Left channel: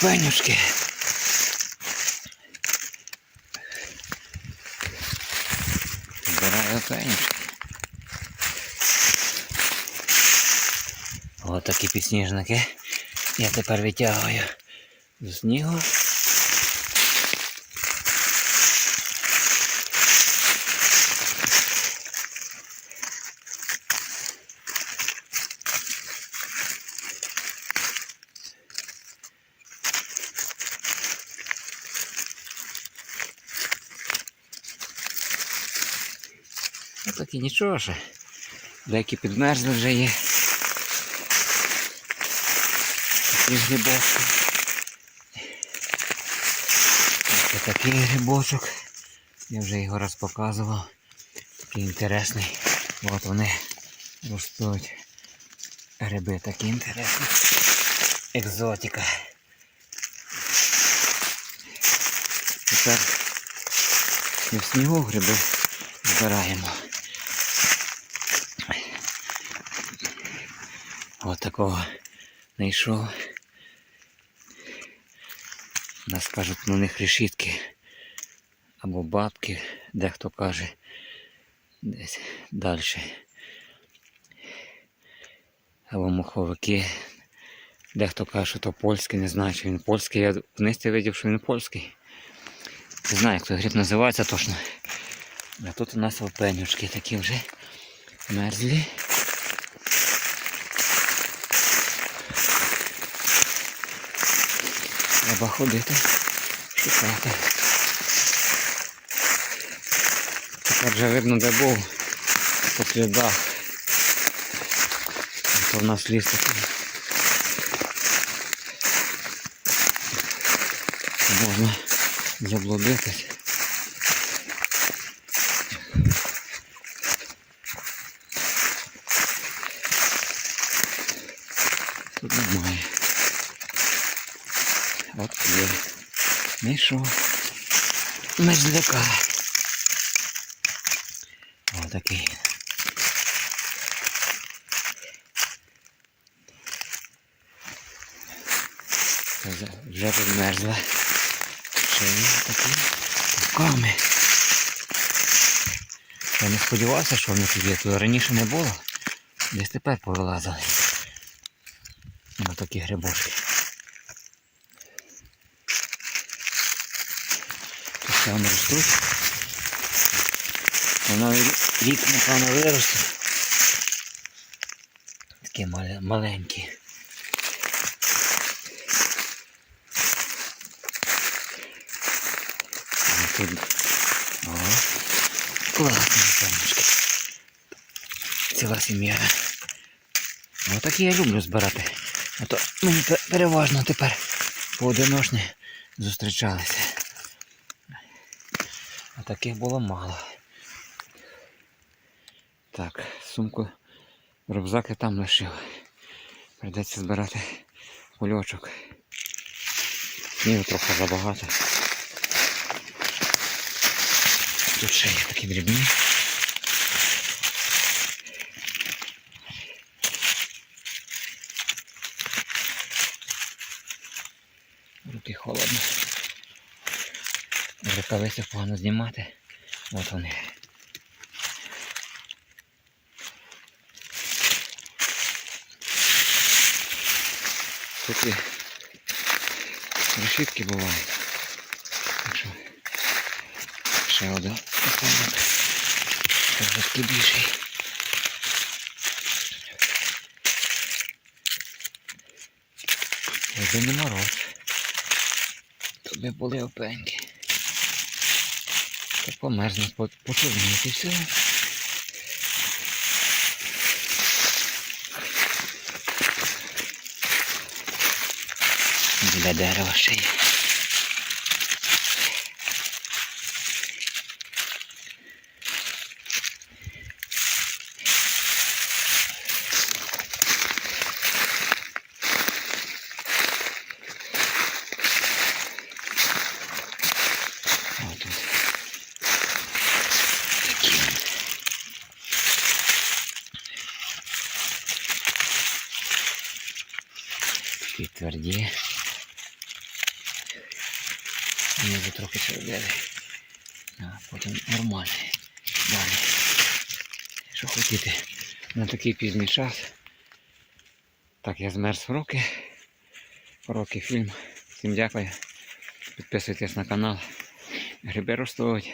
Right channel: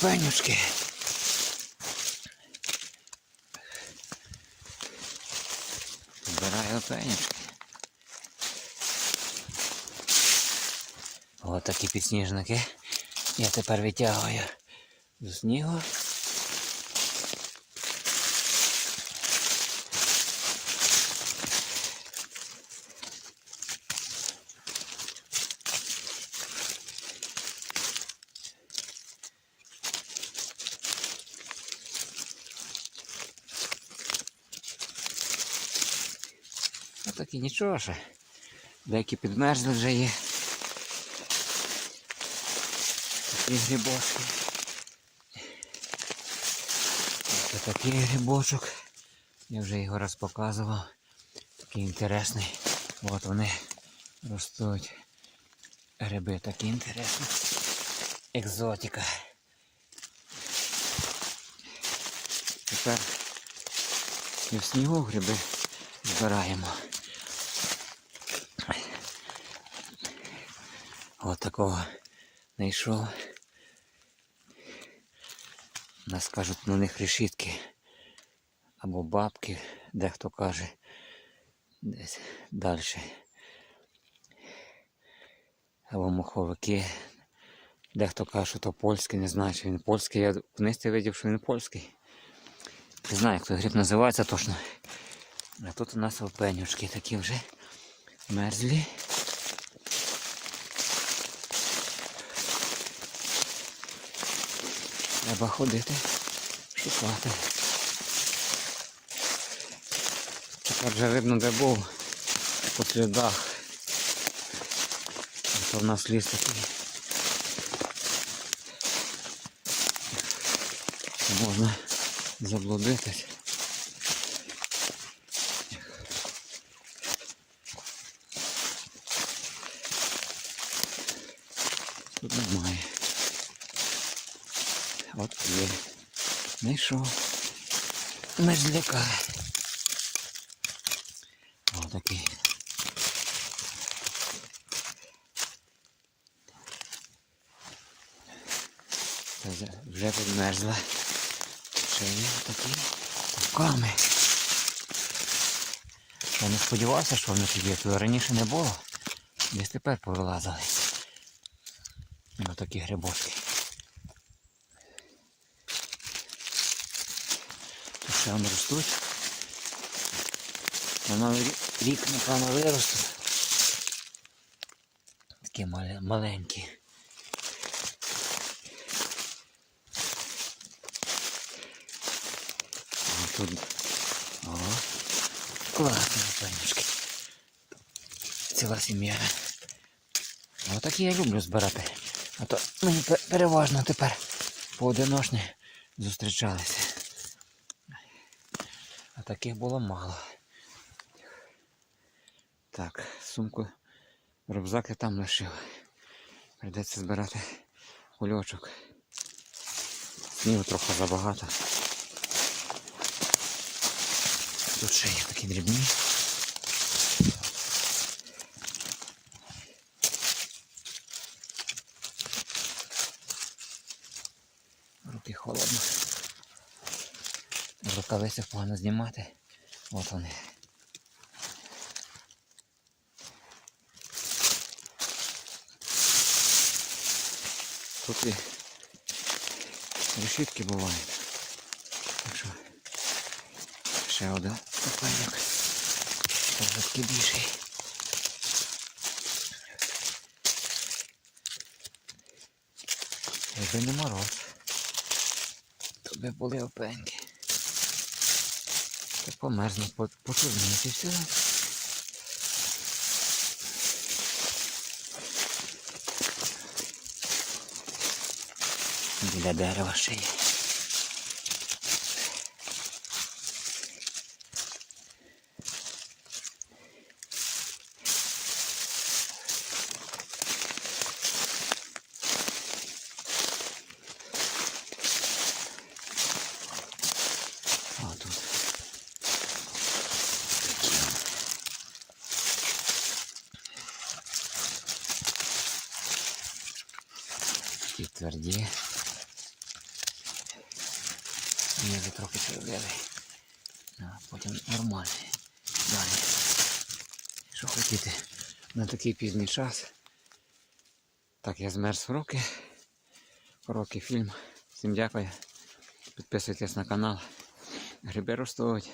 Купенюшки. Збираю пенюшки. Ось такі підсніжники. Я тепер витягую з снігу. Ну і нічого ще. Деякі підмерзли вже є. Такий грибочок. Ось такий грибочок. Я вже його раз показував. Такий інтересний. От вони ростуть. Гриби такі інтересні. Екзотика. Тепер і в снігу гриби збираємо. От такого знайшов. У нас кажуть на них решітки. Або бабки, дехто каже десь далі. Або моховики. Дехто каже, що то польський, не знаю, чи він польський. Я вниз видів, що він польський. Не знаю, як той гриб називається точно. А тут у нас опенюшки такі вже мерзлі. Треба ходити, шукати. Тепер вже видно, де був по слідах. Це в нас ліс такий. Можна заблудитись. Тут немає. Є. Знайшов. Мерзляка. Отакий. Вже- Вже підмерзла. Ще є такі руками. Я не сподівався, що вони тут є. Тут раніше не було. Десь тепер повилазили. Ось такі грибочки. Вони ростуть. Воно рік, напевно, виросте. Такі маленькі. А тут. О, класні сонечки. Ціла сім'я. Отакі я люблю збирати. А то мені переважно тепер поодиночні зустрічалися. А таких було мало. Так, сумку, рюкзак я там лишив. Придеться збирати кульочок. Снігу трохи забагато. Тут ще є такі дрібні. Руки холодно. Рукавиці погано знімати. От вони. Тут і решітки бувають. Так що ще один такий більший. Не мороз. Би були опеньки. То померзне, по- і все. Для дерева ще є. Тверді. Вони вже трохи середини. А потім нормально. Далі. Що хотіти на такий пізній час. Так, я змерз в руки. Роки фільм. Всім дякую. Підписуйтесь на канал. Гриби ростуть.